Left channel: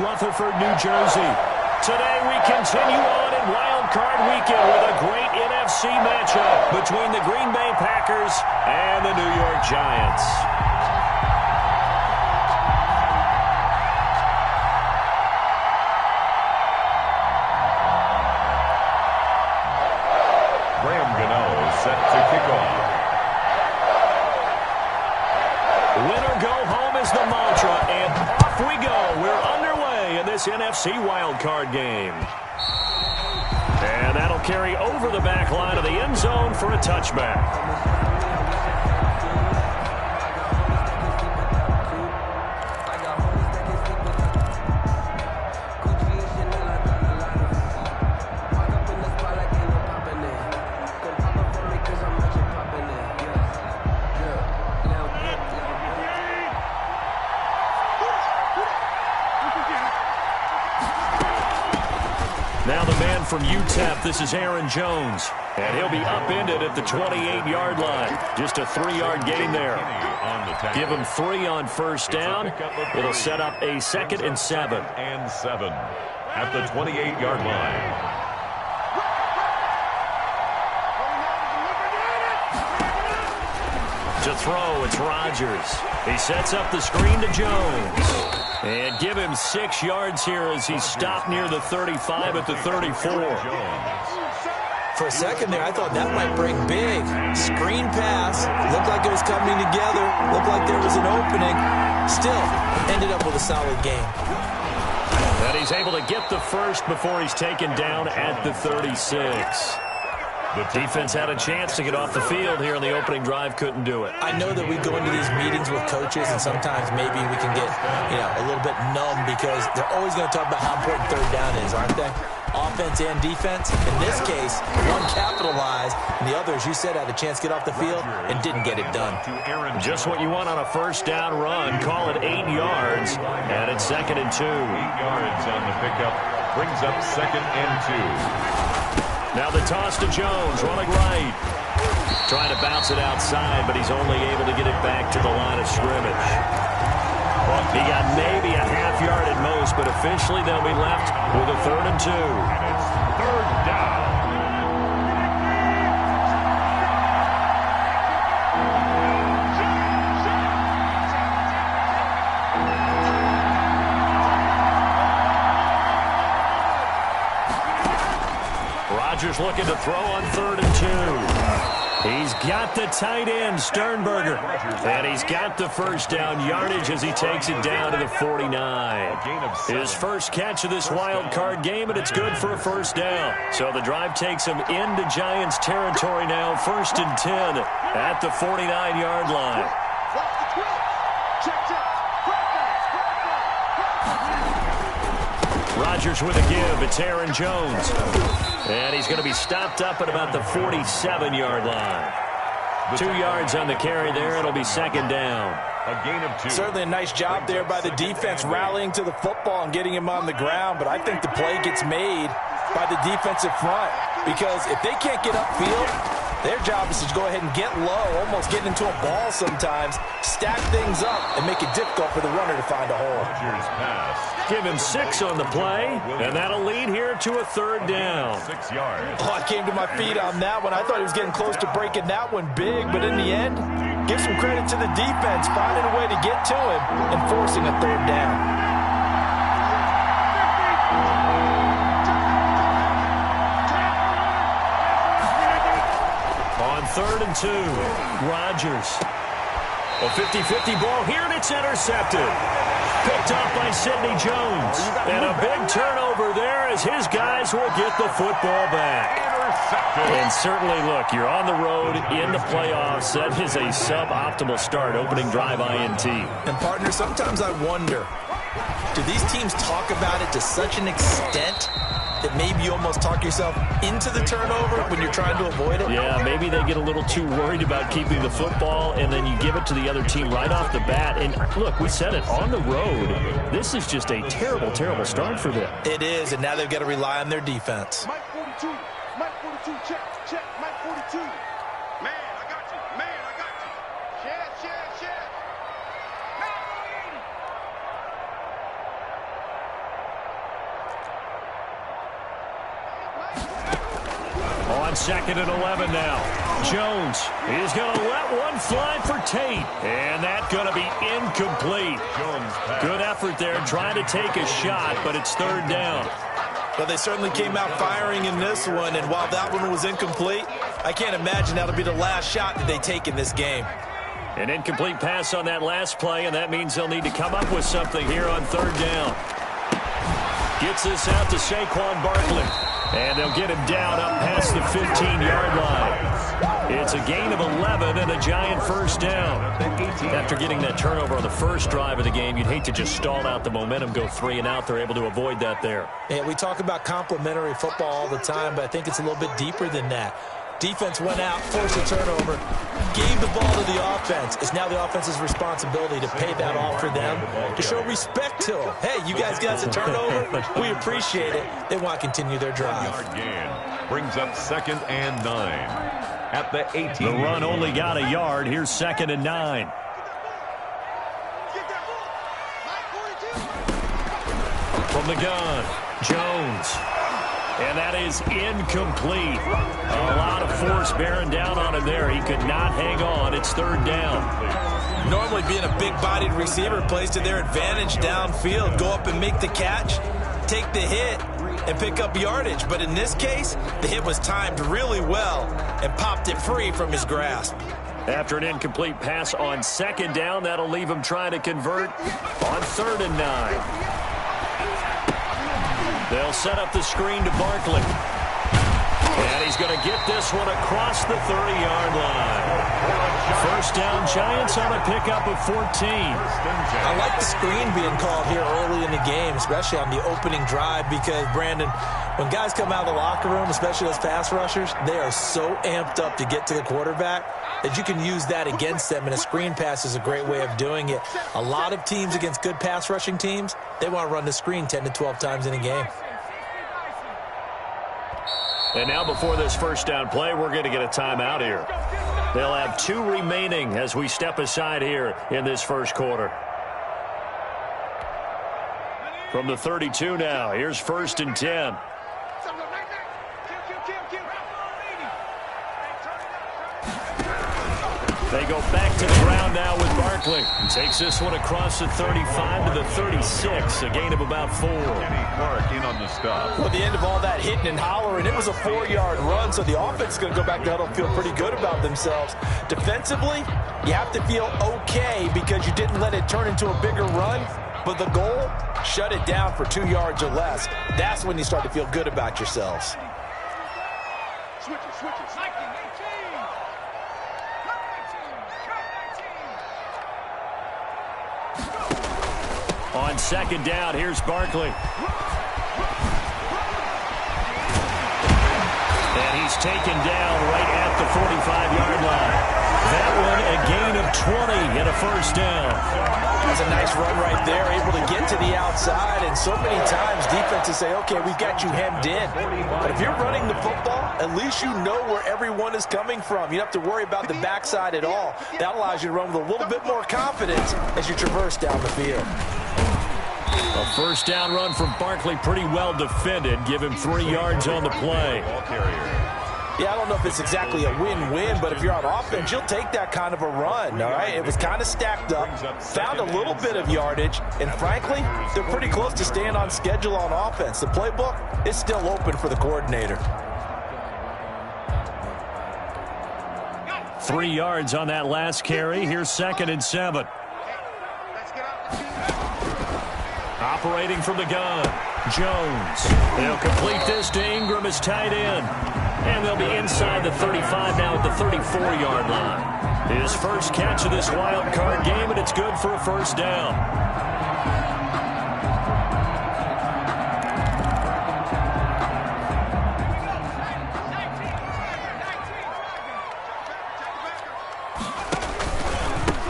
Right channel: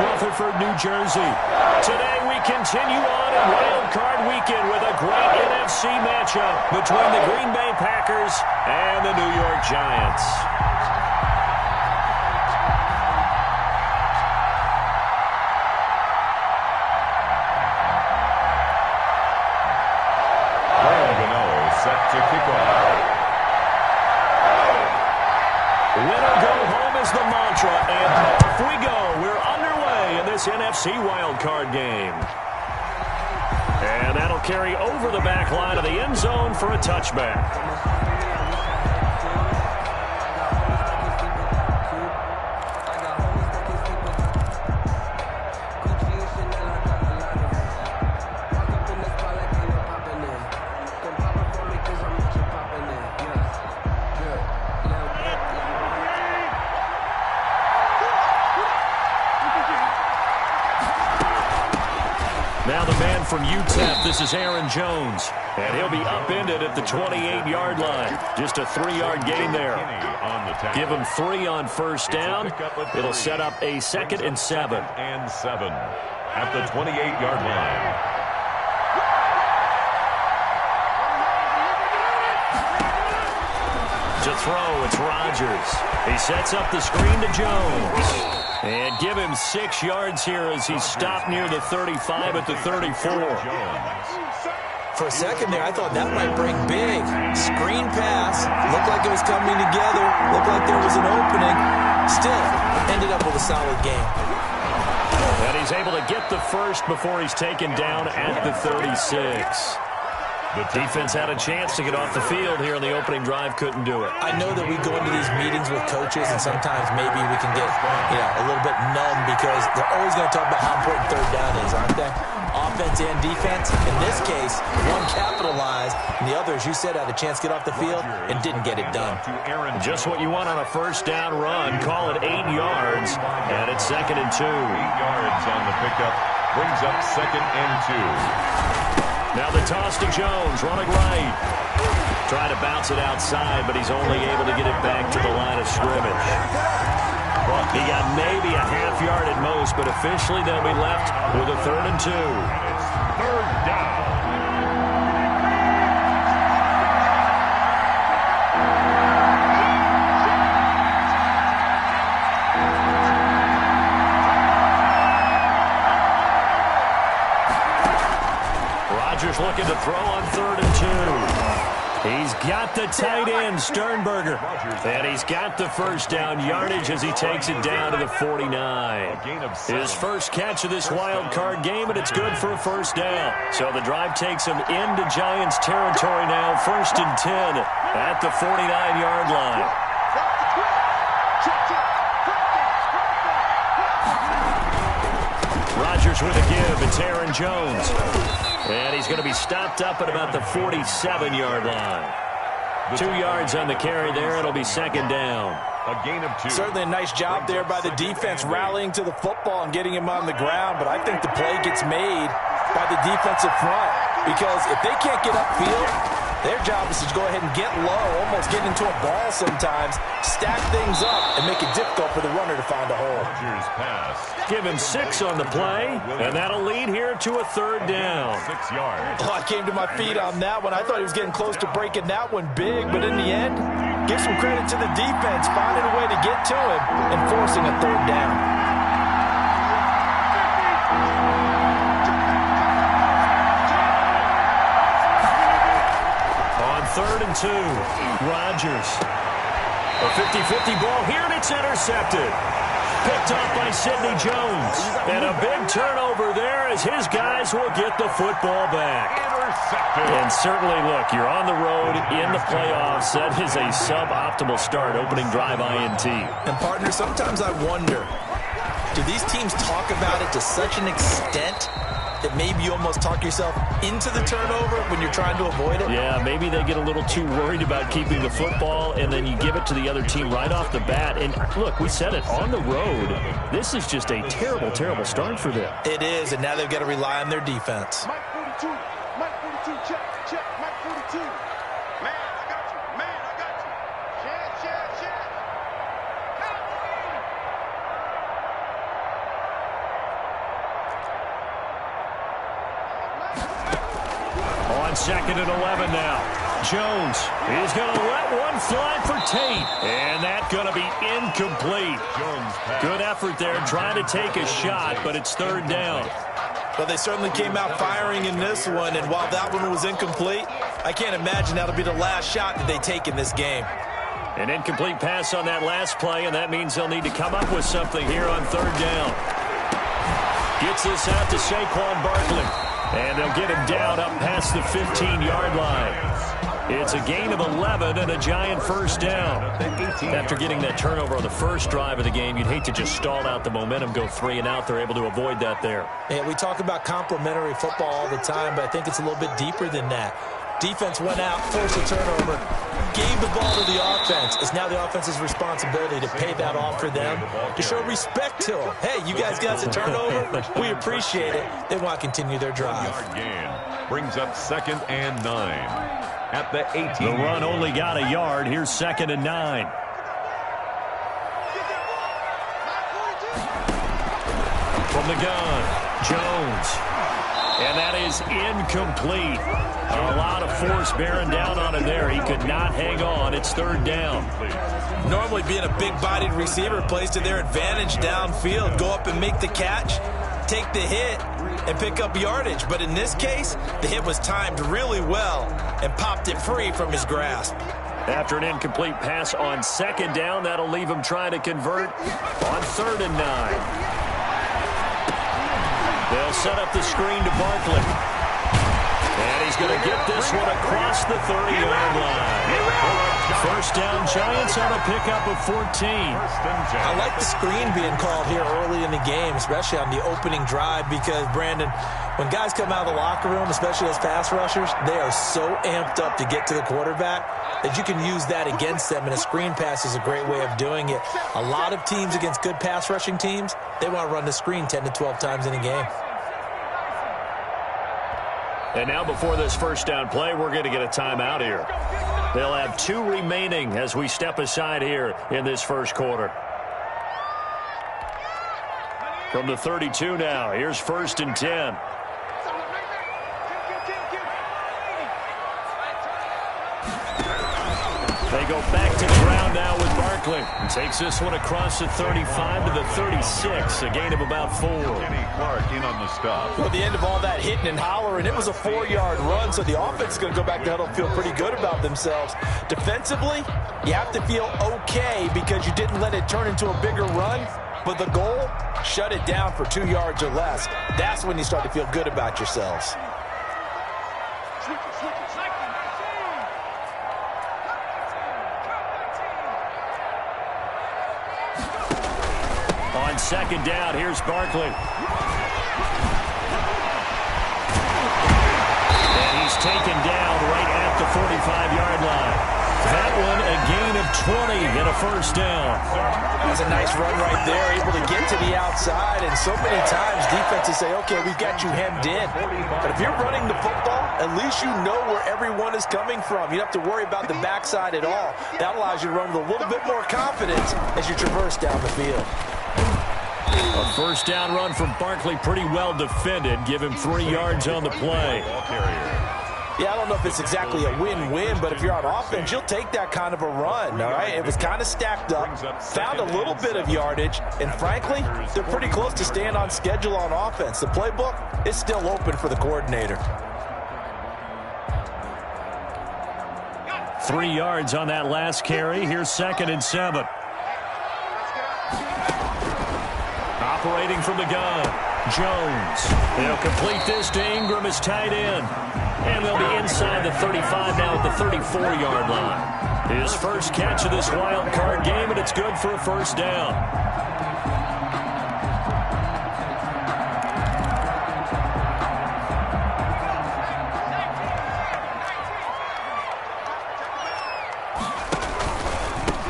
Rutherford, New Jersey. Today we continue on in Wild Card Weekend with a great NFC matchup between the Green Bay Packers and the New York Giants. Set to kick off. Win or go home is the mantra, and off we go. We're underway in this NFC wildcard game. And that'll carry over the back line of the end zone for a touchback. Now the man from UTEP, this is Aaron Jones. And he'll be upended at the 28-yard line. Just a 3-yard gain there. Give him 3 on first down. It'll set up a 2nd and 7. And 7 at the 28-yard line. To throw, it's Rodgers. He sets up the screen to Jones. And give him 6 yards here as he's stopped near the 35 at the 34. For a second there, I thought that might break big. Screen pass. Looked like it was coming together. Looked like there was an opening. Still, ended up with a solid game. And he's able to get the first before he's taken down at the 36. The defense had a chance to get off the field here in the opening drive, couldn't do it. I know that we go into these meetings with coaches, and sometimes maybe we can get, a little bit numb because they're always going to talk about how important third down is, aren't they? Offense and defense. In this case, one capitalized, and the other, as you said, had a chance to get off the field and didn't get it done. Just what you want on a first down run. Call it 8 yards, and it's 2nd and 2. 8 yards on the pickup brings up 2nd and 2. Now the toss to Jones, running right. Trying to bounce it outside, but he's only able to get it back to the line of scrimmage. He got maybe a half yard at most, but officially they'll be left with a 3rd and 2. And it's 3rd down. Rodgers looking to throw on 3rd and 2. He's got the tight end, Sternberger. And he's got the first down yardage as he takes it down to the 49. His first catch of this wild card game, and it's good for a first down. So the drive takes him into Giants territory now, 1st and 10 at the 49-yard line. Rodgers with a give. It's Aaron Jones. And he's going to be stopped up at about the 47-yard line. 2 yards on the carry there. It'll be 2nd down. A gain of 2. Certainly a nice job there by the defense rallying to the football and getting him on the ground. But I think the play gets made by the defensive front. Because if they can't get upfield, their job is to go ahead and get low, almost get into a ball sometimes, stack things up, and make it difficult for the runner to find a hole. Rodgers pass. Give him 6 on the play, and that'll lead here to a 3rd down. 6 yards. Oh, I came to my feet on that one. I thought he was getting close to breaking that one big, but in the end, give some credit to the defense, finding a way to get to him and forcing a 3rd down. On 3rd and 2, Rodgers. A 50-50 ball here, and it's intercepted. Picked off by Sidney Jones. And a big turnover there as his guys will get the football back. And certainly, look, you're on the road in the playoffs. That is a suboptimal start, opening drive INT. And, partner, sometimes I wonder, do these teams talk about it to such an extent that maybe you almost talk yourself into the turnover when you're trying to avoid it? Yeah, maybe they get a little too worried about keeping the football, and then you give it to the other team right off the bat. And, look, we said it, on the road, this is just a terrible, terrible start for them. It is, and now they've got to rely on their defense. Mike 42, Mike 42, check, Mike 42. Man, I got you, share. On 2nd and 11 now. Jones, he's going to let one fly for Tate. And that's going to be incomplete. Good effort there trying to take a shot, but it's 3rd down. Well, they certainly came out firing in this one, and while that one was incomplete, I can't imagine that'll be the last shot that they take in this game. An incomplete pass on that last play, and that means they'll need to come up with something here on 3rd down. Gets this out to Saquon Barkley. And they'll get him down up past the 15-yard line. It's a gain of 11 and a giant 1st down. After getting that turnover on the first drive of the game, you'd hate to just stall out the momentum, go 3 and out. They're able to avoid that there. Yeah, we talk about complementary football all the time, but I think it's a little bit deeper than that. Defense went out, forced a turnover, gave the ball to the offense. It's now the offense's responsibility to pay that off for them, to show respect to them. Hey, you guys got a turnover? We appreciate it. They want to continue their drive. Gain brings up 2nd and 9 at the 18. The run only got a yard. Here's 2nd and 9. From the gun, Jones. And that is incomplete. A lot of force bearing down on him there. He could not hang on. It's 3rd down. Normally being a big-bodied receiver plays to their advantage downfield. Go up and make the catch, take the hit, and pick up yardage. But in this case, the hit was timed really well and popped it free from his grasp. After an incomplete pass on 2nd down, that'll leave him trying to convert on 3rd and 9. They'll set up the screen to Barkley. And he's going to get this one across the 30-yard line. 1st down, Giants on a pickup of 14. I like the screen being called here early in the game, especially on the opening drive, because, Brandon, when guys come out of the locker room, especially those pass rushers, they are so amped up to get to the quarterback that you can use that against them, and a screen pass is a great way of doing it. A lot of teams against good pass rushing teams, they want to run the screen 10 to 12 times in a game. And now before this 1st down play, we're going to get a timeout here. They'll have 2 remaining as we step aside here in this 1st quarter. From the 32 now, here's 1st and 10. They go back to the ground now with Barkley. Takes this one across the 35 to the 36, a gain of about 4. Clark in on the stop. Well, the end of all that hitting and hollering, it was a 4-yard run, so the offense is going to go back to huddle and feel pretty good about themselves. Defensively, you have to feel okay because you didn't let it turn into a bigger run, but the goal, shut it down for 2 yards or less. That's when you start to feel good about yourselves. Switch it. On 2nd down, here's Barkley. And he's taken down right at the 45-yard line. That one a gain of 20 and a 1st down. That's a nice run right there, able to get to the outside, and so many times defenses say, okay, we've got you hemmed in. But if you're running the football, at least you know where everyone is coming from. You don't have to worry about the backside at all. That allows you to run with a little bit more confidence as you traverse down the field. A 1st down run from Barkley, pretty well defended. Give him 3 yards on the play. Yeah, I don't know if it's exactly a win-win, but if you're on offense, you'll take that kind of a run, all right? It was kind of stacked up, found a little bit of yardage, and frankly, they're pretty close to staying on schedule on offense. The playbook is still open for the coordinator. 3 yards on that last carry. Here's 2nd and 7. Operating from the gun, Jones. He'll complete this to Ingram as tight end. And they'll be inside the 35 now at the 34-yard line. His first catch of this wild card game, and it's good for a 1st down.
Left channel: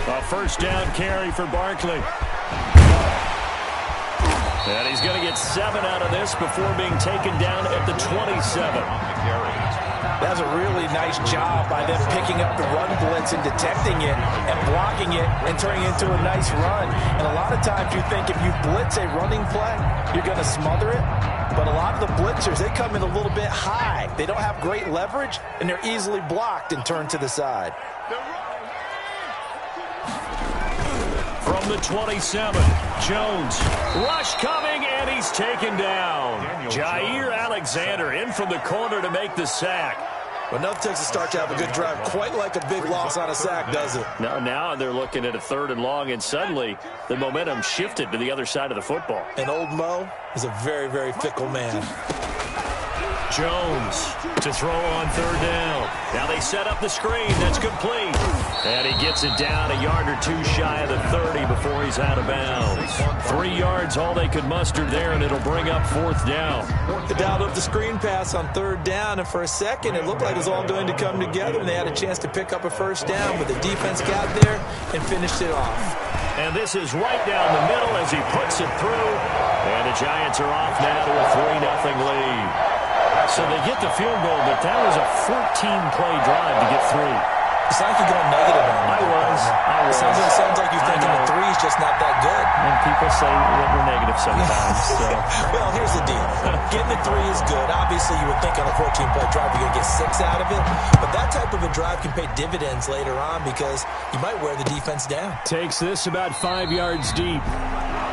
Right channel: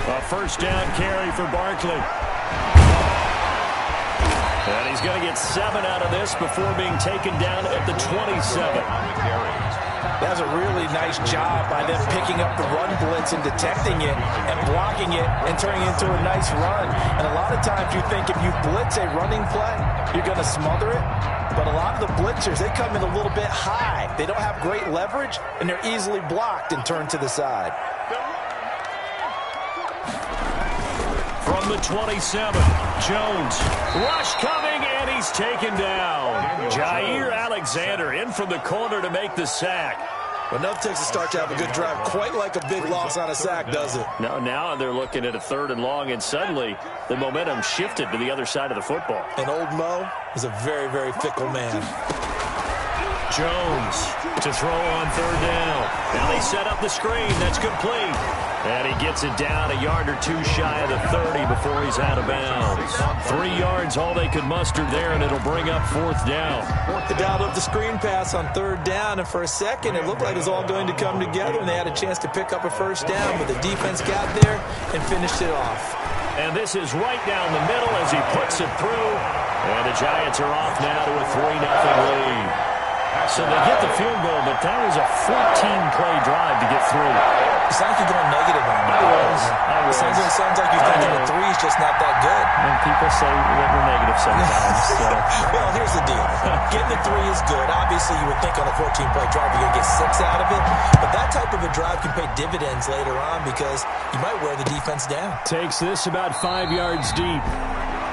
A 1st down carry for Barkley. And he's going to get 7 out of this before being taken down at the 27. That's a really nice job by them picking up the run blitz and detecting it and blocking it and turning it into a nice run. And a lot of times you think if you blitz a running play, you're going to smother it. But a lot of the blitzers, they come in a little bit high. They don't have great leverage, and they're easily blocked and turned to the side. From the 27, Jones. Rush coming, and he's taken down. Jair Alexander in from the corner to make the sack. Well, enough takes a start to have a good drive. Quite like a big loss on a sack, does it? Now they're looking at a 3rd and long, and suddenly the momentum shifted to the other side of the football. And old Mo is a very, very fickle man. Jones to throw on 3rd down. Now they set up the screen. That's complete. And he gets it down a yard or 2 shy of the 30 before he's out of bounds. 3 yards, all they could muster there, and it'll bring up 4th down. They dialed up the screen pass on 3rd down, and for a second it looked like it was all going to come together, and they had a chance to pick up a 1st down, but the defense got there and finished it off. And this is right down the middle as he puts it through. And the Giants are off now to a 3-0 lead. So they get the field goal, but that was a 14-play drive to get through. It sounds like you're going negative on me. I was. It sounds like you're thinking the 3 is just not that good. And people say that we're negative sometimes. So. Well, here's the deal. Getting the 3 is good. Obviously, you would think on a 14-play drive you're going to get 6 out of it. But that type of a drive can pay dividends later on because you might wear the defense down. Takes this about 5 yards deep.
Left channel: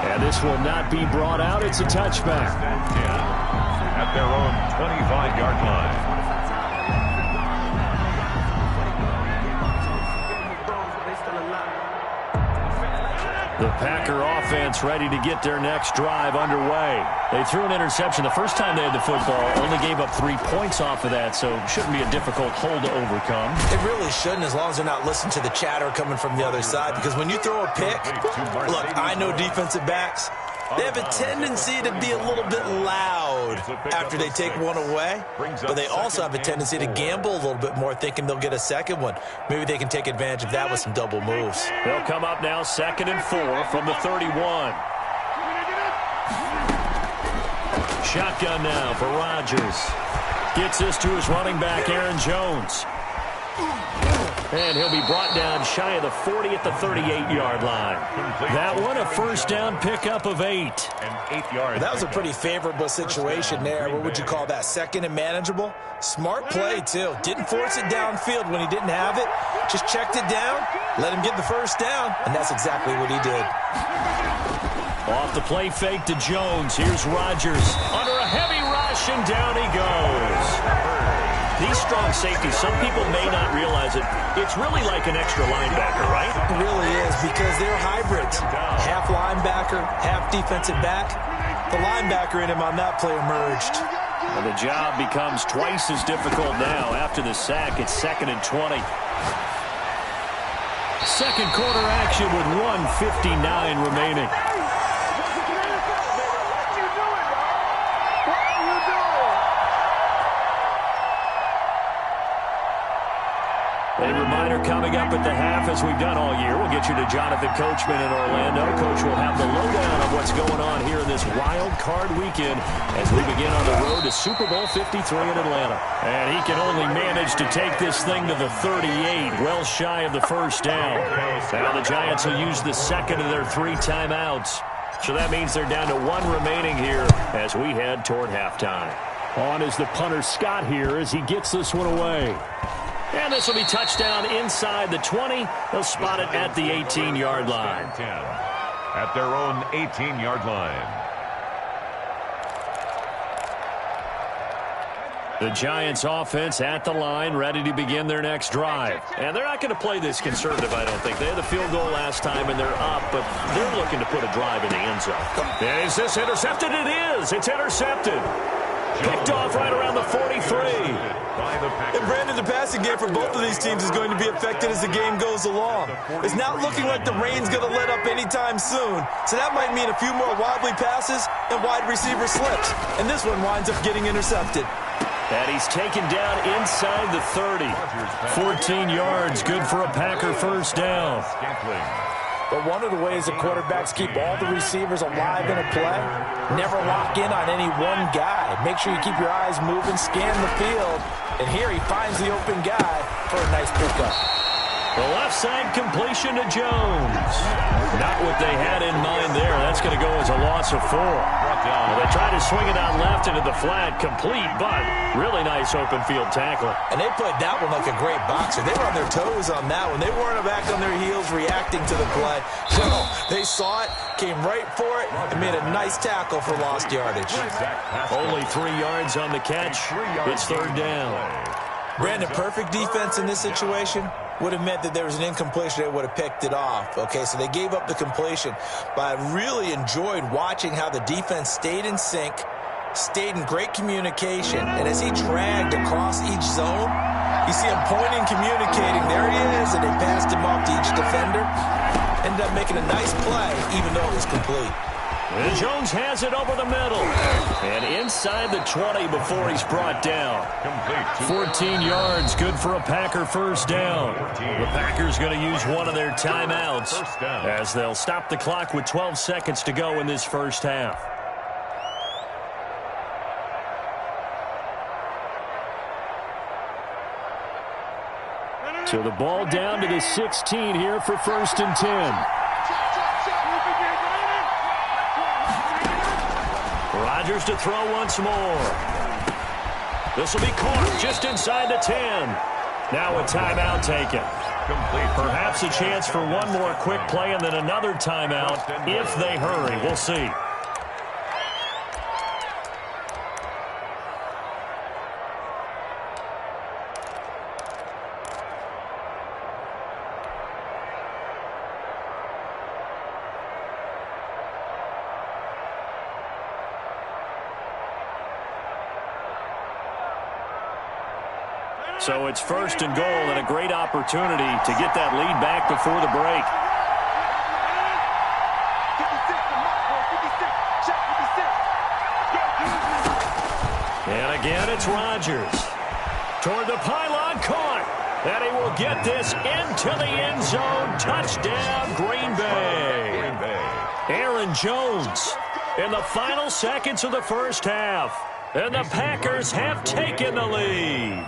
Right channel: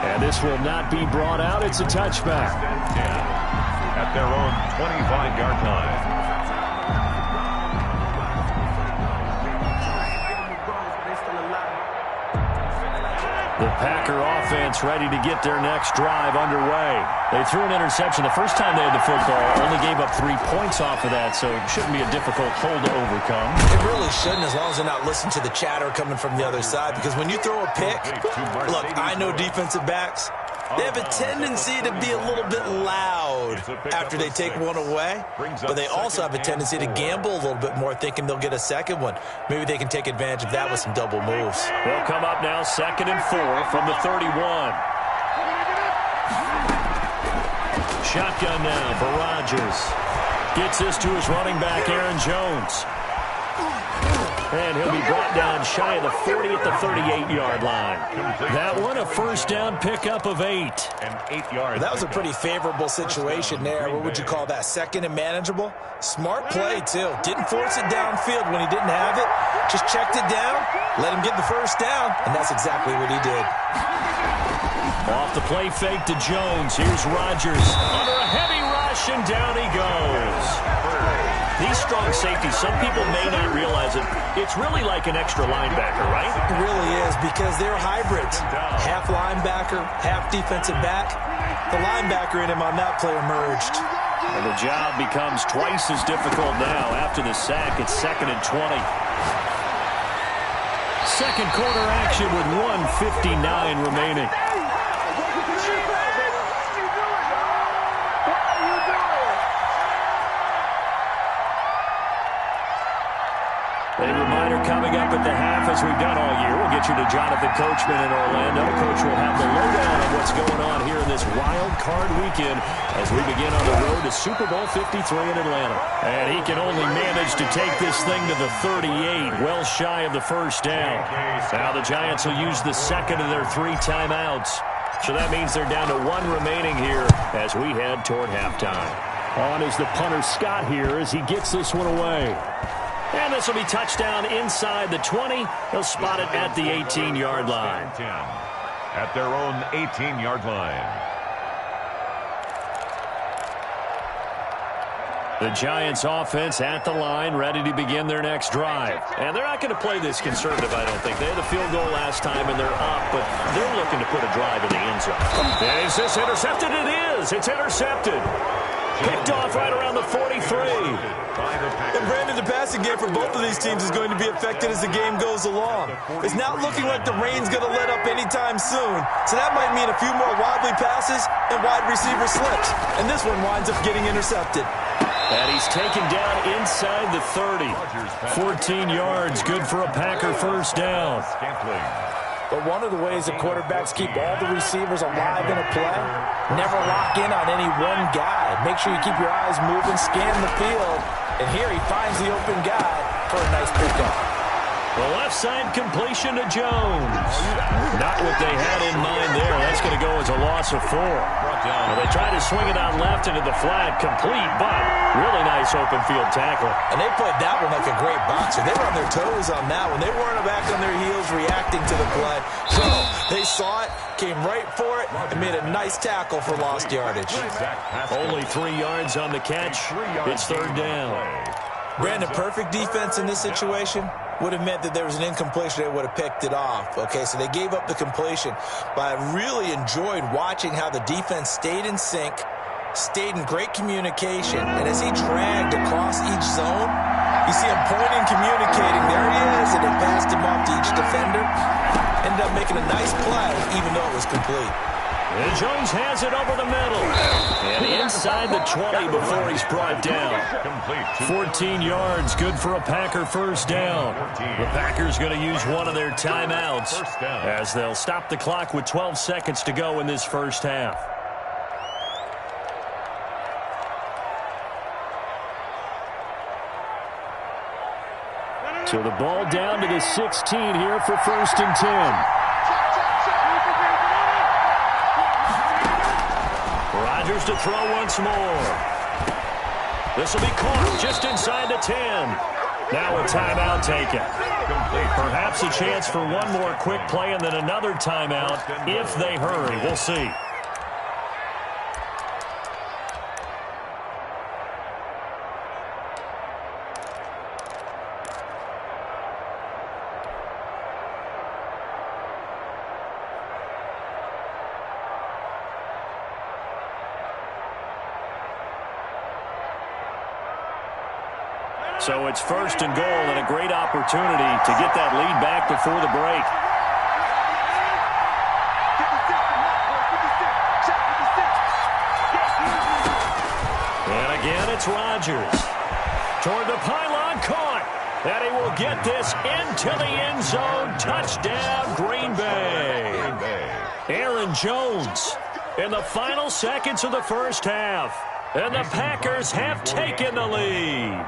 And this will not be brought out. It's a touchback. At their own 25-yard line. The Packer offense ready to get their next drive underway. They threw an interception the first time they had the football, only gave up 3 points off of that, so it shouldn't be a difficult hole to overcome. It really shouldn't, as long as they're not listening to the chatter coming from the other side, because when you throw a pick, look, I know defensive backs, they have a tendency to be a little bit loud after they take one away, but they also have a tendency to gamble a little bit more, thinking they'll get a second one. Maybe they can take advantage of that with some double moves. They'll come up now 2nd and 4 from the 31. Shotgun now for Rodgers. Gets this to his running back, Aaron Jones. And he'll be brought down shy of the 40 at the 38-yard line. That one, a 1st down pickup of 8. And 8 yards. That was a pretty favorable situation there. What would you call that? 2nd and manageable? Smart play, too. Didn't force it downfield when he didn't have it. Just checked it down, let him get the 1st down, and that's exactly what he did. Off the play fake to Jones. Here's Rodgers under a heavy rush, and down he goes. These strong safeties, some people may not realize it. It's really like an extra linebacker, right? It really is, because they're hybrids. Half linebacker, half defensive back. The linebacker in him on that play emerged. And the job becomes twice as difficult now after the sack. It's 2nd and 20. Second quarter action with 1:59 remaining. A reminder coming up at the half, as we've done all year. We'll get you to Jonathan Coachman in Orlando. Coach will have the lowdown of what's going on here in this wild card weekend as we begin on the road to Super Bowl 53 in Atlanta. And he can only manage to take this thing to the 38, well shy of the 1st down. Now the Giants will use the 2nd of their 3 timeouts. So that means they're down to 1 remaining here as we head toward halftime. On is the punter Scott here as he gets this one away. And this will be touchdown inside the 20. They'll spot it at the 18-yard line. At their own 18-yard line. The Giants offense at the line, ready to begin their next drive. And they're not going to play this conservative, I don't think. They had the field goal last time, and they're up, but they're looking to put a drive in the end zone. And is this intercepted? It is. It's intercepted. Picked off right around the 43. And Brandon, the passing game for both of these teams is going to be affected as the game goes along. It's not looking like the rain's going to let up anytime soon. So that might mean a few more wobbly passes and wide receiver slips. And this one winds up getting intercepted. And he's taken down inside the 30. 14 yards, good for a Packer 1st down. But one of the ways that quarterbacks keep all the receivers alive in a play, never lock in on any one guy. Make sure you keep your eyes moving, scan the field. And here he finds the open guy for a nice pickup. The left side completion to Jones. Not what they had in mind there. That's going to go as a loss of 4. Now they try to swing it out left into the flat, complete, but really nice open field tackle. And they played that one like a great boxer. They were on their toes on that one. They weren't back on their heels reacting to the play. No, they saw it, came right for it, and made a nice tackle for lost yardage. Only 3 yards on the catch. It's 3rd down. Brandon, perfect defense in this situation would have meant that there was an incompletion. They would have picked it off. Okay, so they gave up the completion. But I really enjoyed watching how the defense stayed in sync, stayed in great communication, and as he dragged across each zone, you see him pointing, communicating. There he is, and they passed him off to each defender. Ended up making a nice play, even though it was complete. And Jones has it over the middle. And inside the 20 before he's brought down. 14 yards, good for a Packer first down. The Packers going to use one of their timeouts as they'll stop the clock with 12 seconds to go in this first half. So the ball down to the 16 here for 1st and 10. Rodgers to throw once more. This will be caught just inside the 10. Now a timeout taken. Perhaps a chance for one more quick play and then another timeout if they hurry. We'll see. So it's 1st and goal and a great opportunity to get that lead back before the break. And again, it's Rodgers. Toward the pylon, caught. And he will get this into the end zone. Touchdown, Green Bay. Aaron Jones in the final seconds of the first half. And the Packers have taken the lead.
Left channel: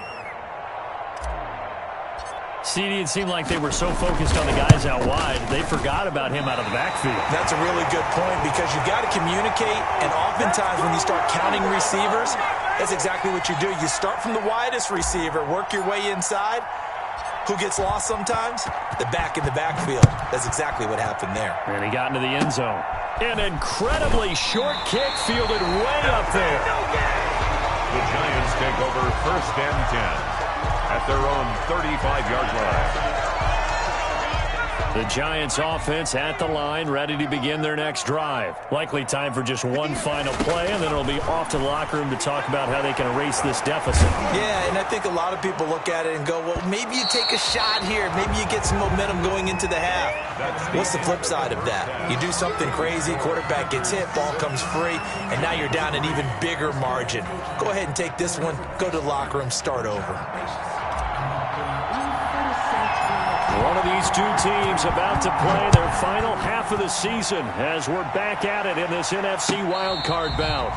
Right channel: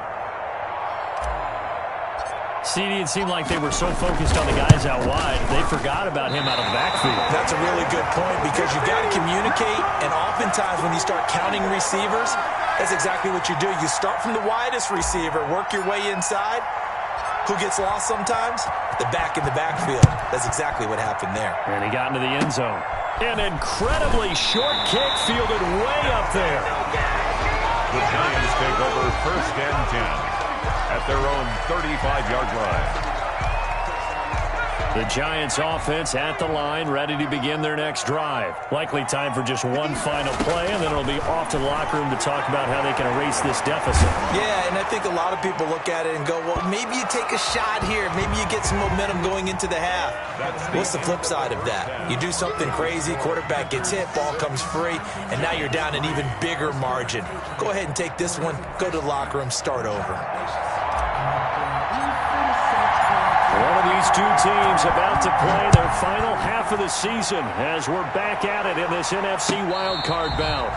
CD, it seemed like they were so focused on the guys out wide, they forgot about him out of the backfield. That's a really good point because you've got to communicate, and oftentimes when you start counting receivers, that's exactly what you do. You start from the widest receiver, work your way inside. Who gets lost sometimes? The back in the backfield. That's exactly what happened there. And he got into the end zone. An incredibly short kick fielded way up there. The Giants take over 1st and 10. At their own 35-yard line. The Giants offense at the line, ready to begin their next drive. Likely time for just one final play, and then it'll be off to the locker room to talk about how they can erase this deficit. Yeah, and I think a lot of people look at it and go, well, maybe you take a shot here. Maybe you get some momentum going into the half. What's the flip side of that? You do something crazy, quarterback gets hit, ball comes free, and now you're down an even bigger margin. Go ahead and take this one, go to the locker room, start over. One of these two teams about to play their final half of the season as we're back at it in this NFC wildcard bout.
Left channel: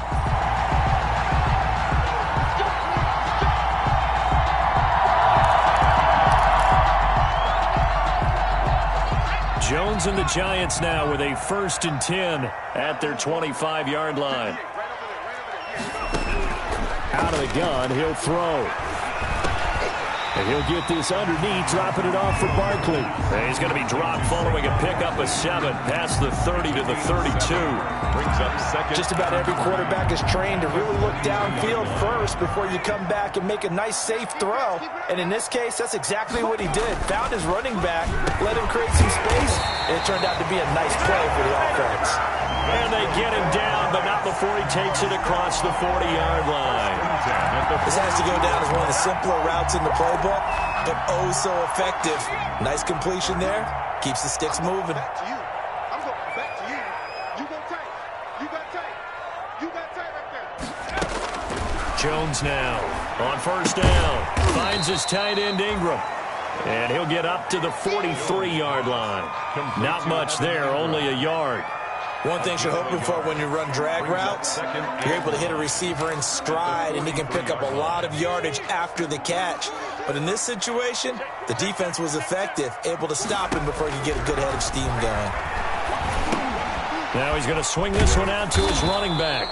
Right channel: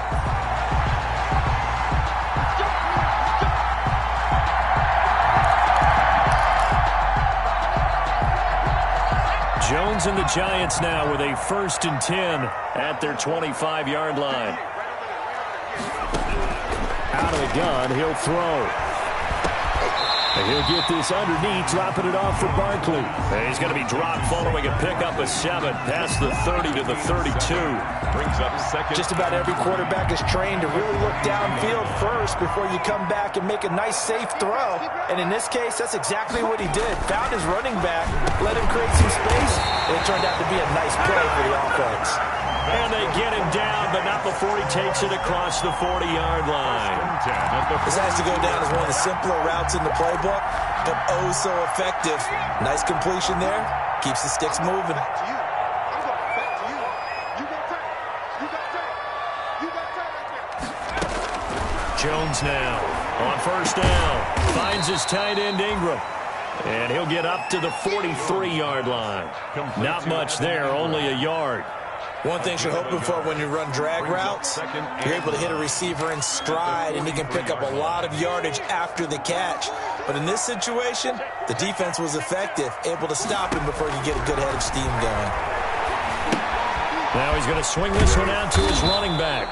Jones and the Giants now with a 1st and 10 at their 25-yard line. Out of the gun, he'll throw. And he'll get this underneath, dropping it off for Barkley. And he's going to be dropped following a pickup of 7 past the 30 to the 32. Brings up 2nd. Just about every quarterback is trained to really look downfield first before you come back and make a nice, safe throw. And in this case, that's exactly what he did. Found his running back, let him create some space, and it turned out to be a nice play for the offense. And they get him down, but not before he takes it across the 40-yard line. This has to go down as one of the simpler routes in the playbook, but oh so effective. Nice completion there. Keeps the sticks moving. Back to you. I'm going back to you. You got tight. You got tight. You got tight right there. Jones now on 1st down. Finds his tight end Ingram. And he'll get up to the 43-yard line. Not much there, only a yard. One thing you're hoping for when you run drag routes, you're able to hit a receiver in stride, and he can pick up a lot of yardage after the catch. But in this situation, the defense was effective, able to stop him before he could get a good head of steam going. Now he's going to swing this one out to his running back.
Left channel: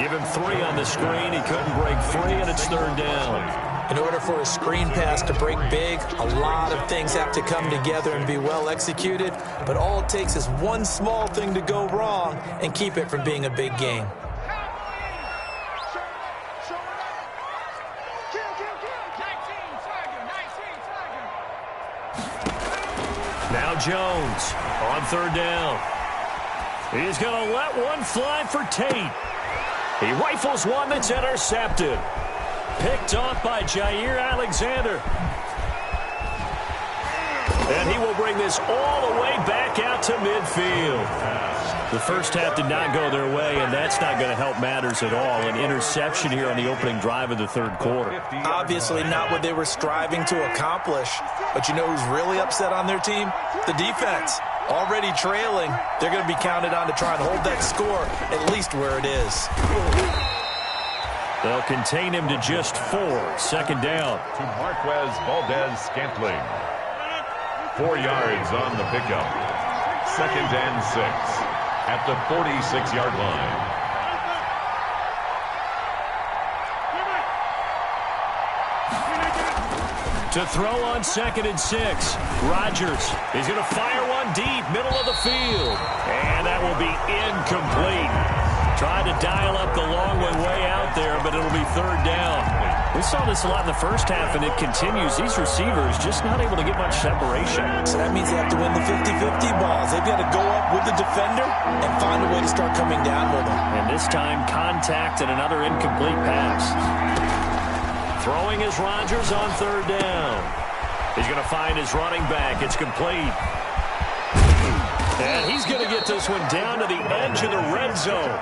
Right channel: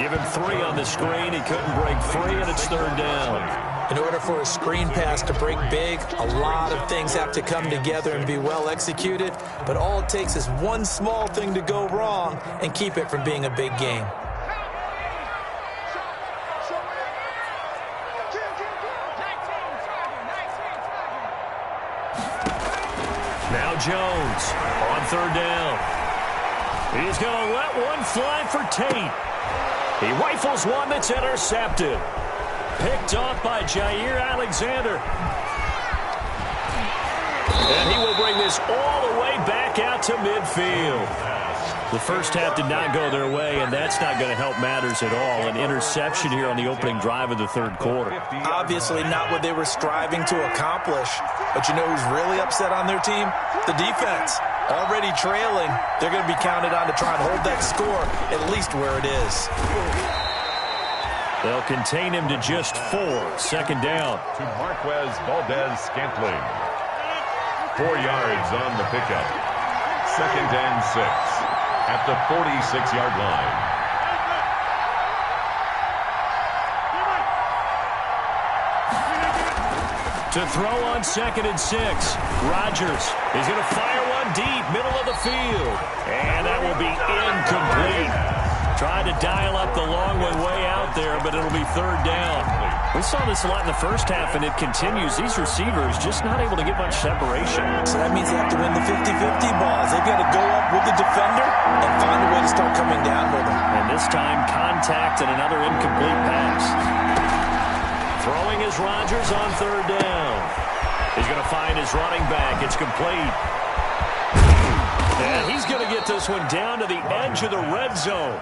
Give him 3 on the screen. He couldn't break free, and it's 3rd down. In order for a screen pass to break big, a lot of things have to come together and be well executed, but all it takes is one small thing to go wrong and keep it from being a big game. Now Jones on 3rd down. He's going to let one fly for Tate. He rifles one that's intercepted. Picked off by Jair Alexander. And he will bring this all the way back out to midfield. The first half did not go their way, and that's not going to help matters at all. An interception here on the opening drive of the 3rd quarter. Obviously not what they were striving to accomplish. But you know who's really upset on their team? The defense. Already trailing, they're going to be counted on to try and hold that score at least where it is. They'll contain him to just 4. 2nd down. To Marquez Valdez-Scantling. 4 yards on the pickup. 2nd and 6 at the 46-yard line. To throw on 2nd and 6. Rodgers. He's going to fire one deep, middle of the field. And that will be incomplete. Tried to dial up the long one way out there, but it'll be 3rd down. We saw this a lot in the first half, and it continues. These receivers just not able to get much separation. So that means they have to win the 50-50 balls. They've got to go up with the defender and find a way to start coming down with them. And this time, contact and another incomplete pass. Throwing is Rodgers on 3rd down. He's going to find his running back. It's complete. And he's going to get this one down to the edge of the red zone.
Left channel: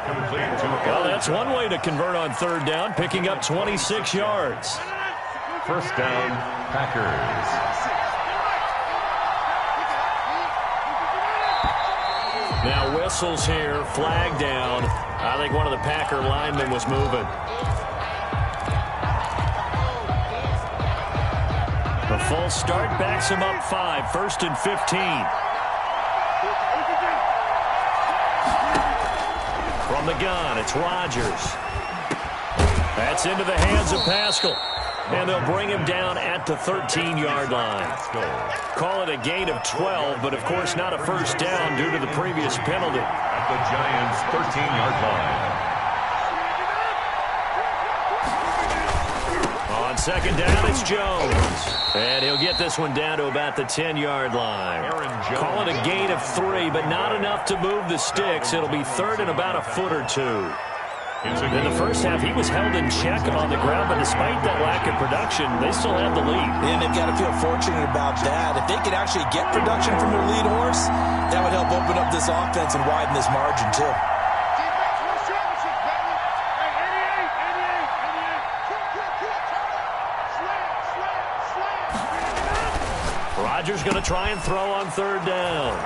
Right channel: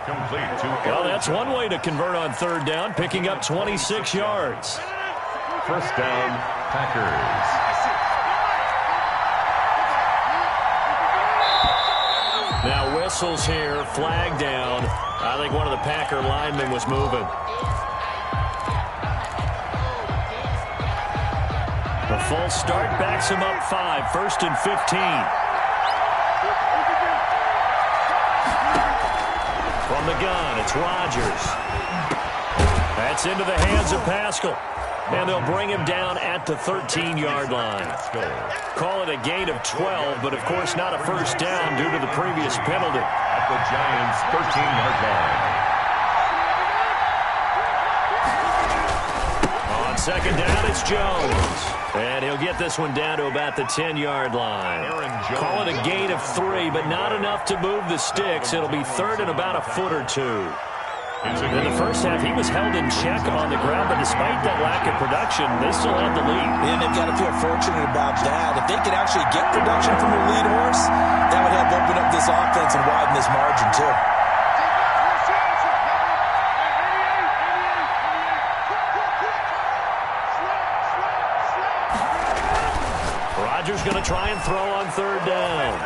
Well, that's one way to convert on 3rd down, picking up 26 yards. 1st down, Packers. Now whistles here, flag down. I think one of the Packer linemen was moving. The false start backs him up 5, 1st and 15. From the gun, it's Rodgers. That's into the hands of Pascal. And they'll bring him down at the 13-yard line. Call it a gain of 12, but of course not a 1st down due to the previous penalty. At the Giants' 13-yard line. On 2nd down, it's Jones. And he'll get this one down to about the 10-yard line. Call it a gain of 3, but not enough to move the sticks. It'll be 3rd and about a foot or 2. In the first half, he was held in check on the ground, but despite that lack of production, they still had the lead. And they've got to feel fortunate about that. If they could actually get production from their lead horse, that would help open up this offense and widen this margin, too. Rodgers going to try and throw on 3rd down.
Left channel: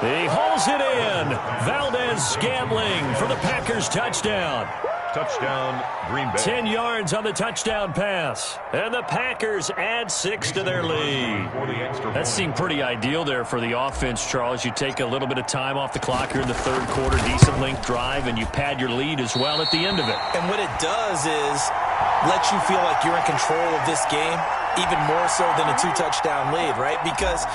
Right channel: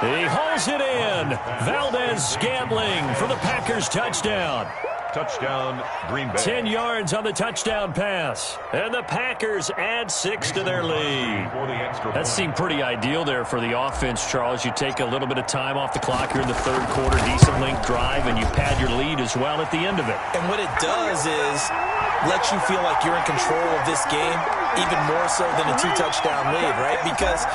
He hauls it in. Valdez-Scantling for the Packers touchdown. Touchdown, Green Bay. 10 yards on the touchdown pass. And the Packers add 6 to their lead. That seemed pretty ideal there for the offense, Charles. You take a little bit of time off the clock here in the 3rd quarter, decent length drive, and you pad your lead as well at the end of it. And what it does is let you feel like you're in control of this game, even more so than a 2-touchdown lead, right? Because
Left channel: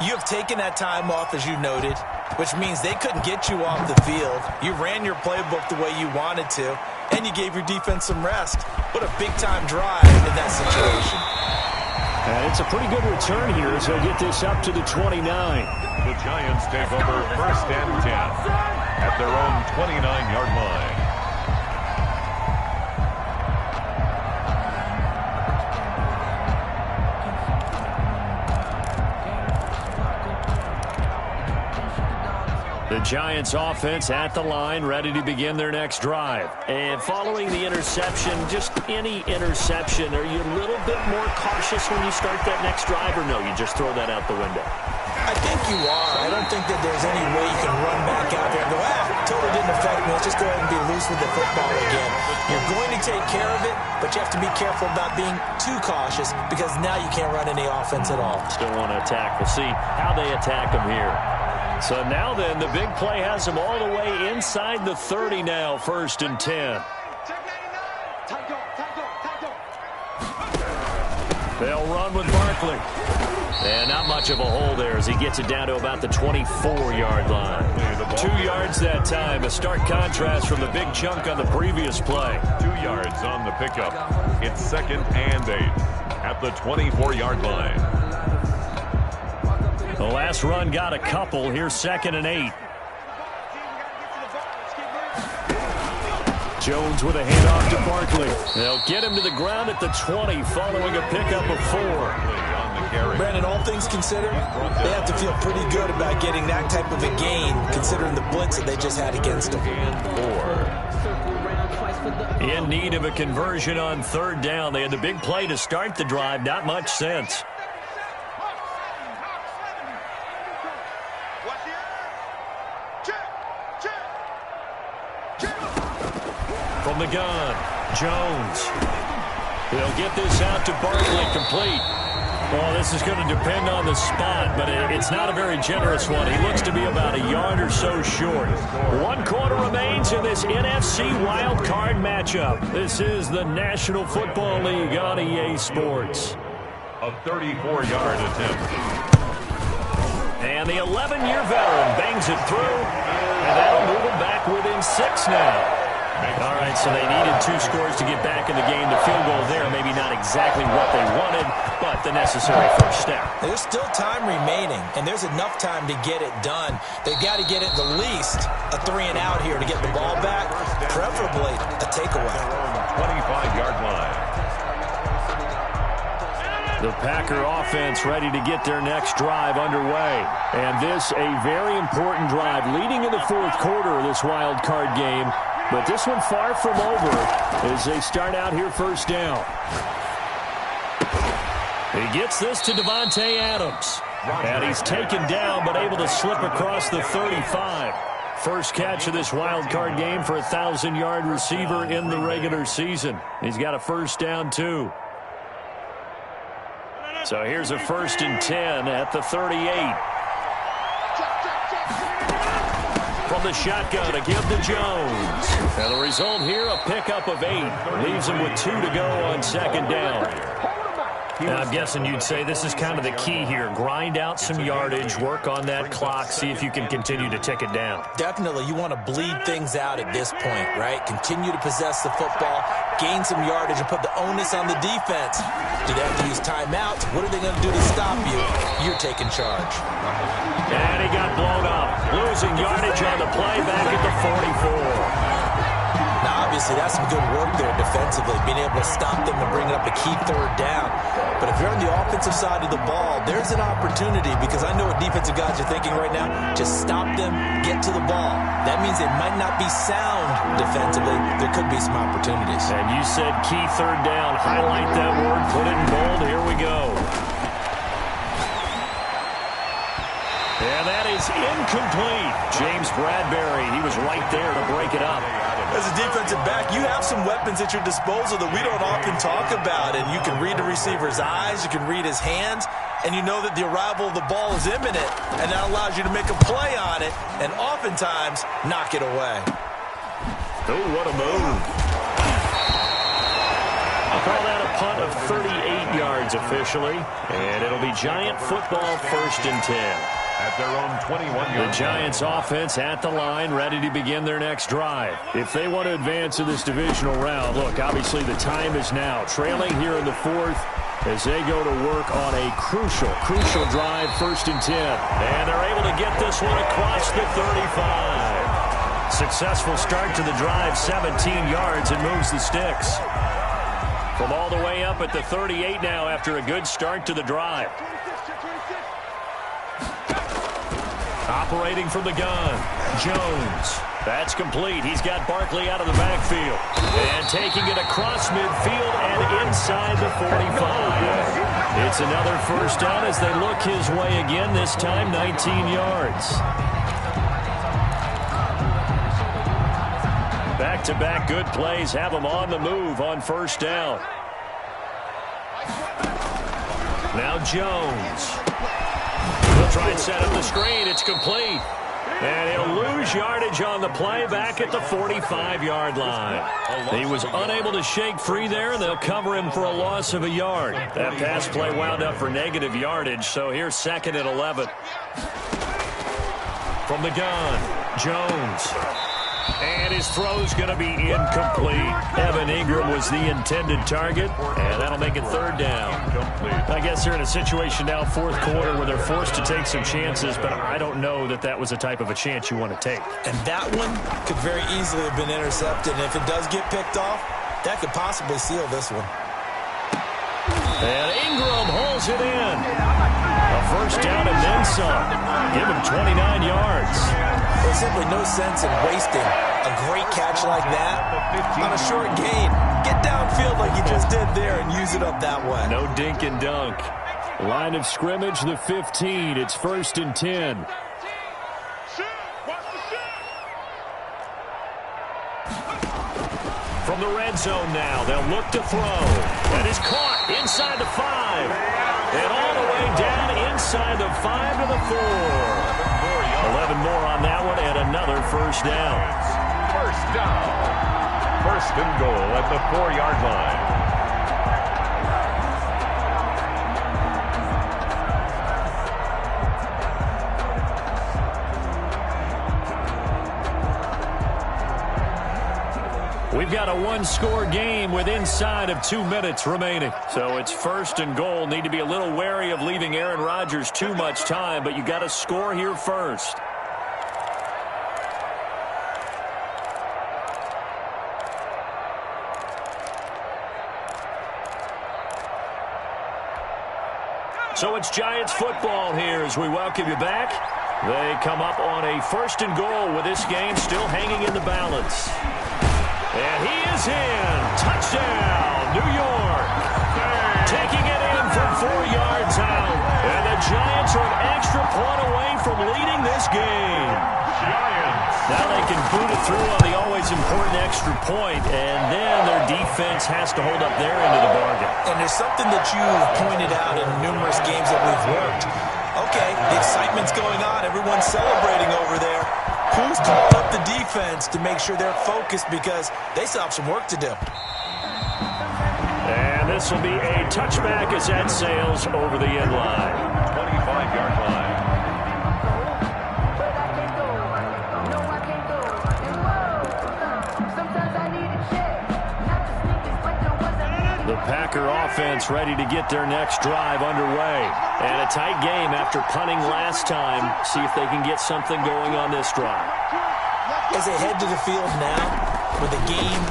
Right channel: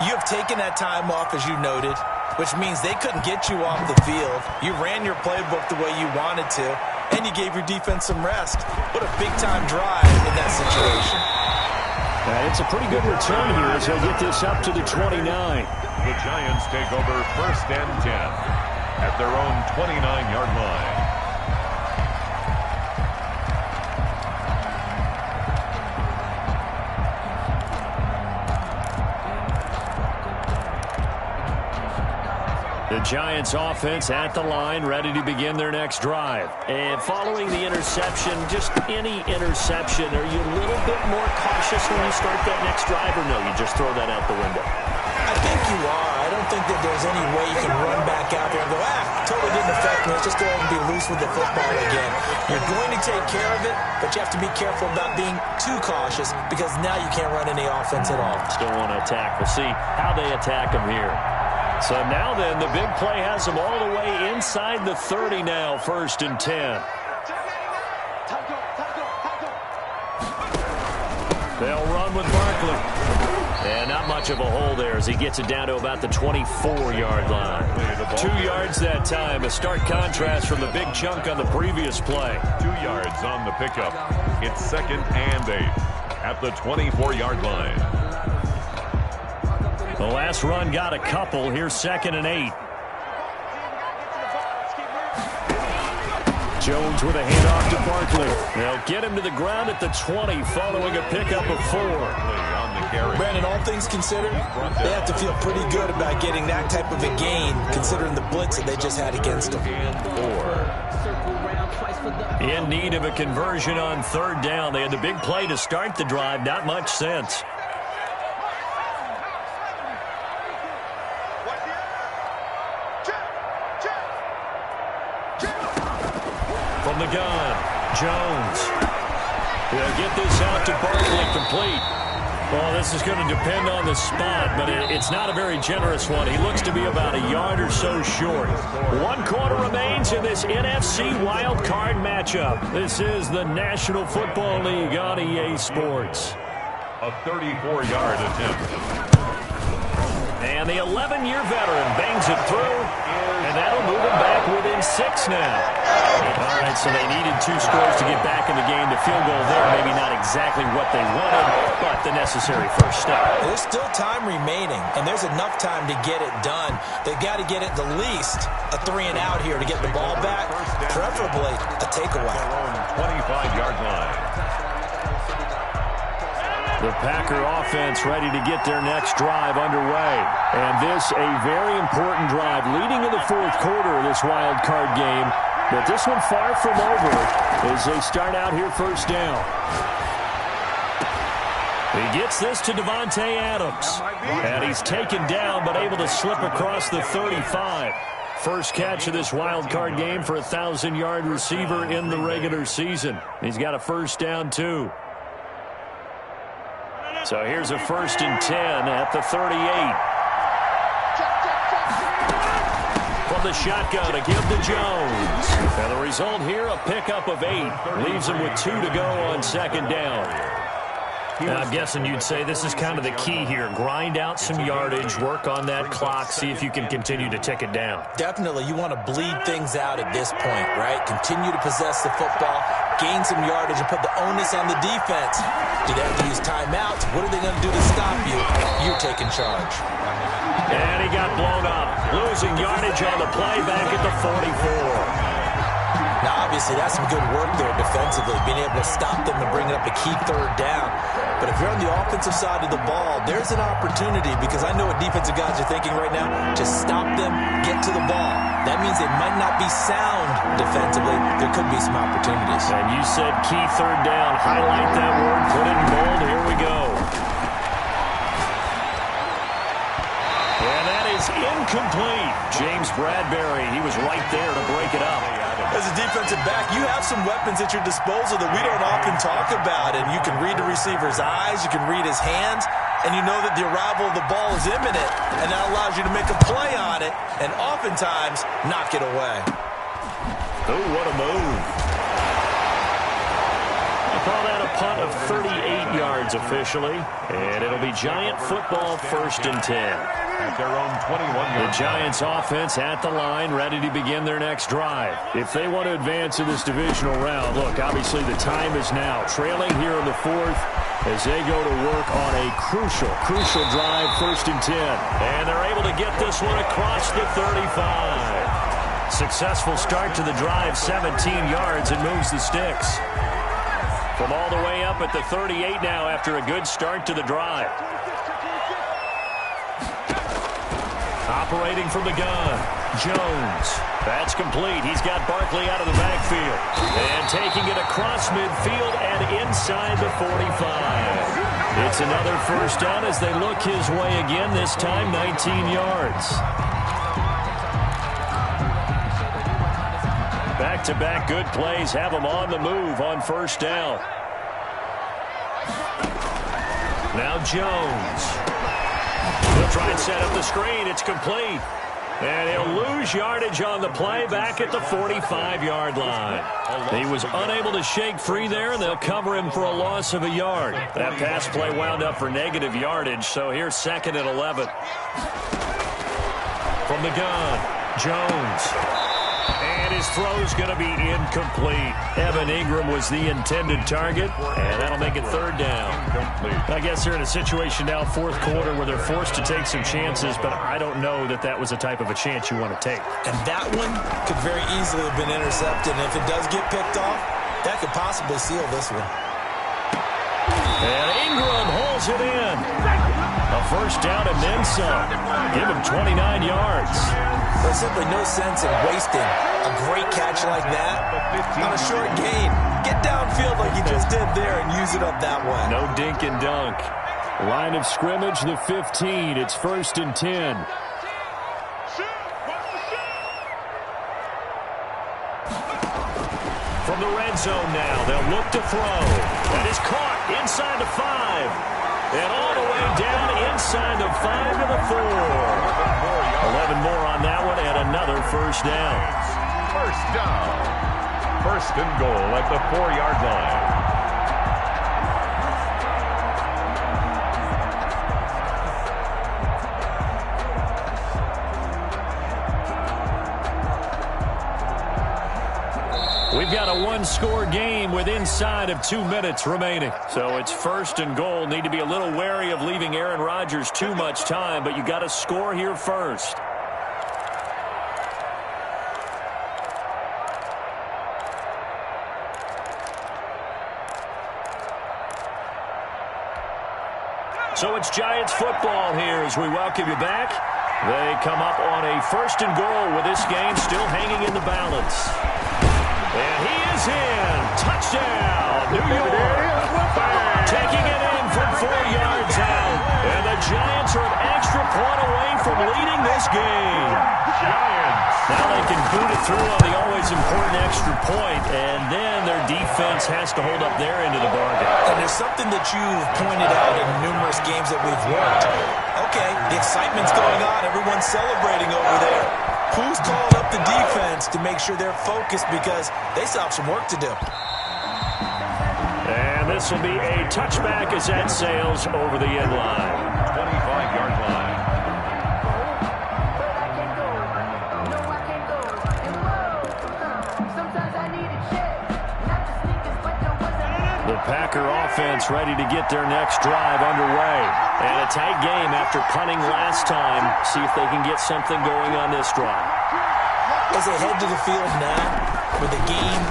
you have taken that time off, as you noted, which means they couldn't get you off the field. You ran your playbook the way you wanted to, and you gave your defense some rest. What a big-time drive in that situation. And it's a pretty good return here as they'll get this up to the 29. The Giants take over 1st and 10 at their own 29-yard line. The Giants offense at the line, ready to begin their next drive. And following the interception, just any interception, are you a little bit more cautious when you start that next drive, or no, you just throw that out the window? I think you are. I don't think that there's any way you can run back out there and go, totally didn't affect me. Let's just go ahead and be loose with the football again. You're going to take care of it, but you have to be careful about being too cautious because now you can't run any offense at all. Still want to attack. We'll see how they attack them here. So now then, the big play has them all the way inside the 30 now, 1st and 10. They'll run with Barkley. And not much of a hole there as he gets it down to about the 24-yard line. 2 yards that time, a stark contrast from the big chunk on the previous play. 2 yards on the pickup. It's 2nd and 8 at the 24-yard line. The last run got a couple. Here's 2nd and 8. Jones with a handoff to Barkley. They'll get him to the ground at the 20 following a pickup of 4. Brandon, all things considered, they have to feel pretty good about getting that type of a gain considering the blitz that they just had against them. In need of a conversion on 3rd down. They had the big play to start the drive. Not much sense. From the gun, Jones. He'll get this out to Barkley, complete. Well, this is going to depend on the spot, but it's not a very generous one. He looks to be about a yard or so short. 1 quarter remains in this NFC wild card matchup. This is the National Football League on EA Sports. A 34-yard attempt. And the 11-year veteran bangs it through, and that'll move him back within 6 now. All right, so they needed 2 scores to get back in the game. The field goal there, maybe not exactly what they wanted, but the necessary first step. There's still time remaining, and there's enough time to get it done. They've got to get it the least a 3 and out here to get the ball back, preferably a takeaway. 25-yard line. The Packer offense ready to get their next drive underway. And this a very important drive leading in the 4th quarter of this wild card game. But this one far from over as they start out here 1st down. He gets this to Devontae Adams. And he's taken down but able to slip across the 35. First catch of this wild card game for a 1,000-yard receiver in the regular season. He's got a 1st down too. So here's a 1st and 10 at the 38. From the shotgun, a give to Jones. And the result here, a pickup of 8. Leaves him with 2 to go on 2nd down. Now, I'm guessing you'd say this is kind of the key here. Grind out some yardage, work on that clock, see if you can continue to tick it down. Definitely. You want to bleed things out at this point, right? Continue to possess the football, gain some yardage, and put the onus on the defense. Do they have to use timeouts? What are they going to do to stop you? You're taking charge. And he got blown up. Losing yardage on the play back at the 44. Now, obviously, that's some good work there defensively, being able to stop them and bring it up a key 3rd down. But if you're on the offensive side of the ball, there's an opportunity because I know what defensive guys are thinking right now. Just stop them, get to the ball. That means they might not be sound defensively. There could be some opportunities. And you said key 3rd down. Highlight that word, put it in bold. Here we go. And that is incomplete. James Bradbury, he was right there to break it up. As a defensive back, you have some weapons at your disposal that we don't often talk about. And you can read the receiver's eyes, you can read his hands, and you know that the arrival of the ball is imminent. And that allows you to make a play on it and oftentimes knock it away. Oh, what a move. I'll call that a punt of 38 yards officially. And it'll be Giant football 1st and 10. At their own 21-yard. The Giants offense at the line, ready to begin their next drive. If they want to advance in this divisional round, look, obviously the time is now. Trailing here in the 4th as they go to work on a crucial drive, 1st and 10. And they're able to get this one across the 35. Successful start to the drive, 17 yards. It moves the sticks. From all the way up at the 38 now after a good start to the drive. Operating from the gun, Jones. That's complete. He's got Barkley out of the backfield. And taking it across midfield and inside the 45. It's another first down as they look his way again, this time 19 yards. Back-to-back good plays have him on the move on first down. Now Jones. He'll try and set up the screen. It's complete. And he'll lose yardage on the play back at the 45-yard line. He was unable to shake free there, and they'll cover him for a loss of a yard. That pass play wound up for negative yardage, so here's 2nd and 11. From the gun, Jones. And his throw's going to be incomplete. Evan Ingram was the intended target, and that'll make it 3rd down. I guess they're in a situation now, 4th quarter, where they're forced to take some chances, but I don't know that that was the type of a chance you want to take. And that one could very easily have been intercepted, and if it does get picked off, that could possibly seal this one. And Ingram holds it in. A first down and then some. Give him 29 yards. There's simply no sense in wasting a great catch like that on a short gain. Get downfield like you just did there and use it up that way. No dink and dunk. Line of scrimmage, the 15. It's 1st and 10. From the red zone now, they'll look to throw. That is caught inside the 5. And all the way down inside the 5 to the 4. 11 more on that one and another first down. First down. 1st and goal at the 4-yard line. We've got a one-score game with inside of 2 minutes remaining. So it's 1st and goal. Need to be a little wary of leaving Aaron Rodgers too much time, but you got to score here first. So it's Giants football here as we welcome you back. They come up on a 1st and goal with this game still hanging in the balance. And he is in. Touchdown, New York. Taking it in from 4 yards out. And the Giants are an extra point away from leading this game. Giants. Now they can boot it through on the always important extra point, and then their defense has to hold up their end of the bargain. And there's something that you've pointed out in numerous games that we've worked. Okay, the excitement's going on. Everyone's celebrating over there. Who's calling up the defense to make sure they're focused because they still have some work to do? And this will be a touchback as that sails over the end line. 25-yard line. The Packer offense ready to get their next drive underway. And a tight game after punting last time. See if they can get something going on this drive. As they head to the field now, with the game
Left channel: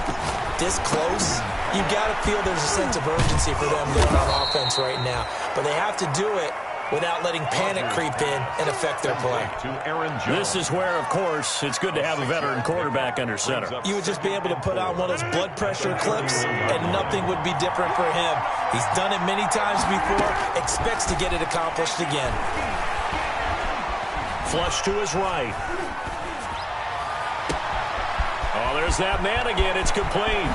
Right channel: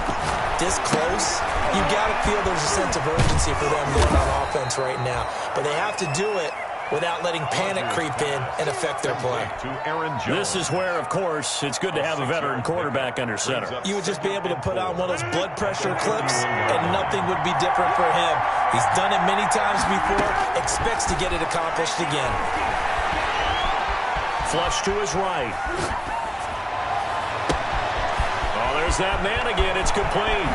this close, you've got to feel there's a sense of urgency for them going on offense right now. But they have to do it without letting panic creep in and affect their play. This is where, of course, it's good to have a veteran quarterback under center. You would just be able to put on one of those blood pressure clips, and nothing would be different for him. He's done it many times before, expects to get it accomplished again. Flush to his right. Oh, there's that man again. It's complete.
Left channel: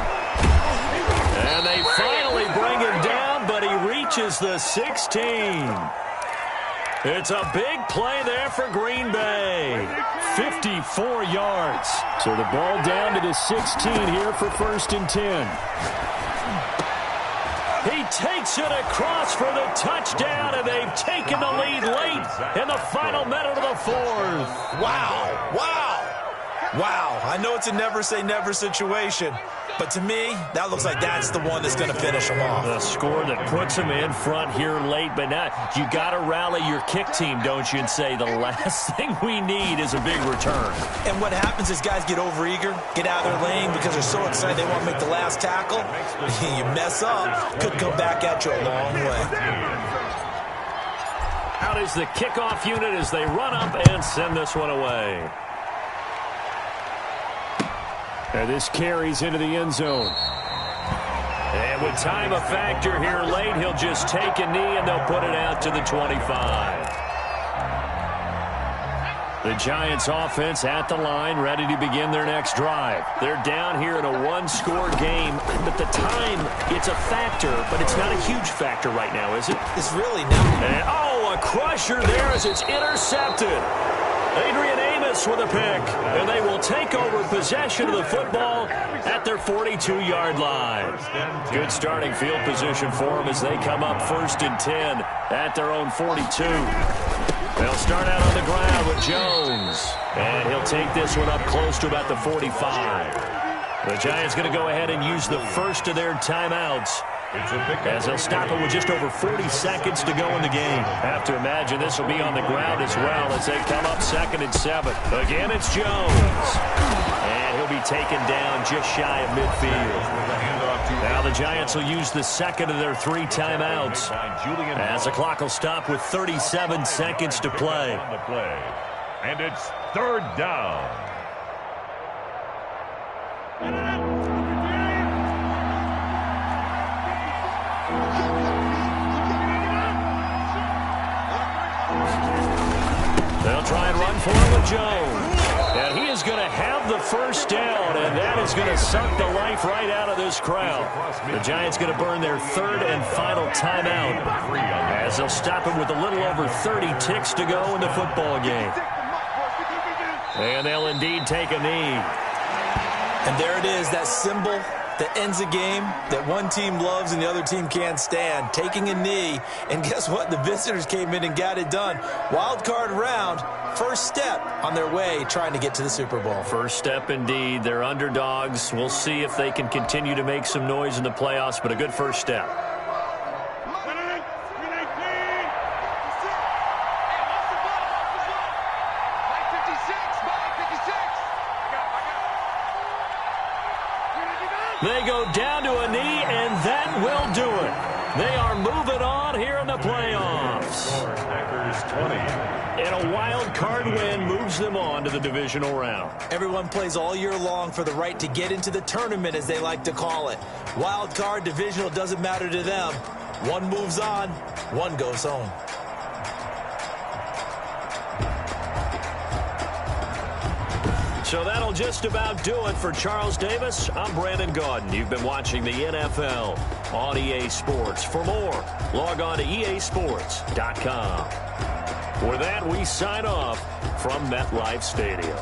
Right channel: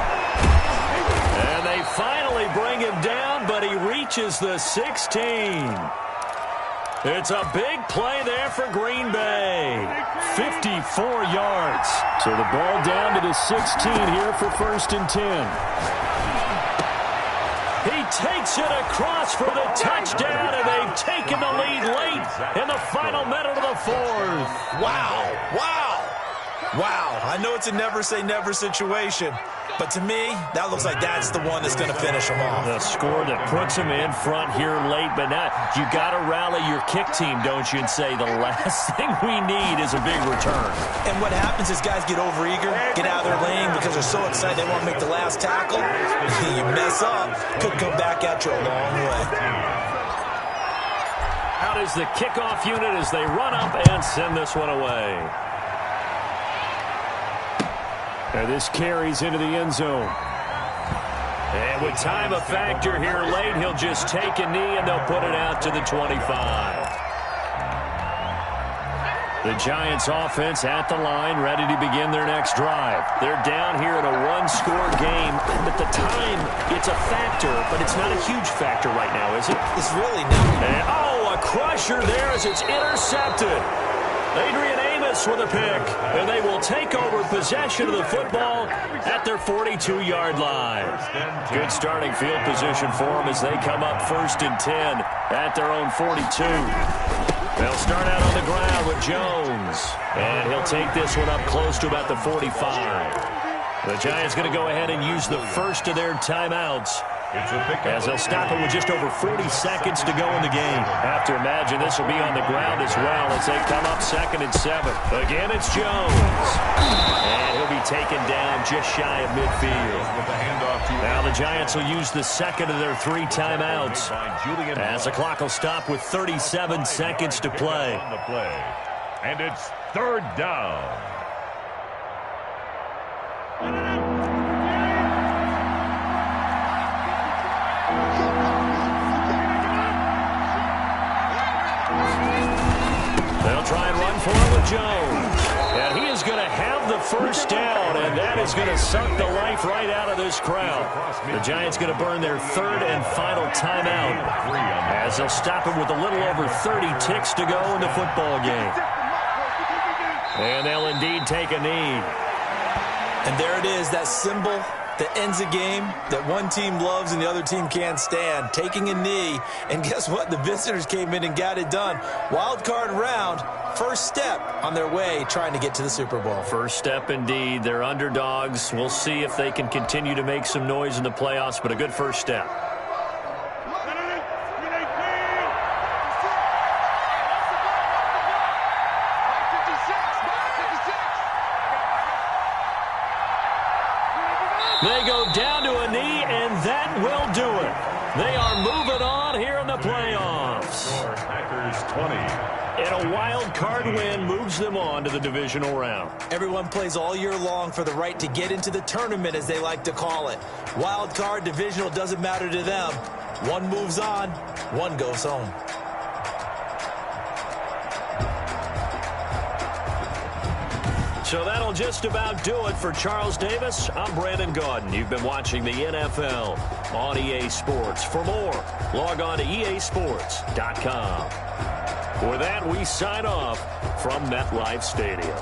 And they finally bring him down, but he reaches the 16. It's a big play there for Green Bay. 54 yards. So the ball down to the 16 here for 1st and 10. He takes it across for the touchdown, and they've taken the lead late in the final minute of the 4th. Wow. Wow. Wow. I know it's a never-say-never situation, but to me, that looks like that's the one that's going to finish them off. The score that puts them in front here late, but now you got to rally your kick team, don't you, and say the last thing we need is a big return. And what happens is guys get overeager, get out of their lane because they're so excited they want to make the last tackle. You mess up, could come back at you a long way. Out is the kickoff unit as they run up and send this one away. And this carries into the end zone. And with time a factor here late, he'll just take a knee and they'll put it out to the 25. The Giants offense at the line, ready to begin their next drive. They're down here in a one-score game, but the time, it's a factor, but it's not a huge factor right now, is it? It's really not. And, oh, a crusher there as it's intercepted. Adrian Amos with a pick, and they will take over possession of the football at their 42-yard line. Good starting field position for them as they come up 1st and 10 at their own 42. They'll start out on the ground with Jones, and he'll take this one up close to about the 45. The Giants going to go ahead and use the first of their timeouts, as they'll stop it with just over 40 seconds to go in the game. Have to imagine this will be on the ground as well as they come up 2nd and 7. Again, it's Jones. And he'll be taken down just shy of midfield. Now the Giants will use the second of their 3 timeouts, as the clock will stop with 37 seconds to play. And it's 3rd down. They'll try and run for it with Jones. And he is going to have the first down, and that is going to suck the life right out of this crowd. The Giants going to burn their 3rd and final timeout, as they'll stop it with a little over 30 ticks to go in the football game. And they'll indeed take a knee. And there it is, that symbol that ends a game that one team loves and the other team can't stand, taking a knee. And guess what? The visitors came in and got it done. Wild card round, first step on their way trying to get to the Super Bowl. First step indeed. They're underdogs. We'll see if they can continue to make some noise in the playoffs, but a good first step. They go down to a knee, and that will do it. They are moving on here in the playoffs. Packers 20. And a wild card win moves them on to the divisional round. Everyone plays all year long for the right to get into the tournament, as they like to call it. Wild card, divisional, doesn't matter to them. One moves on, one goes home. So that'll just about do it for Charles Davis. I'm Brandon Gaudin. You've been watching the NFL on EA Sports. For more, log on to easports.com. With that, we sign off from MetLife Stadium.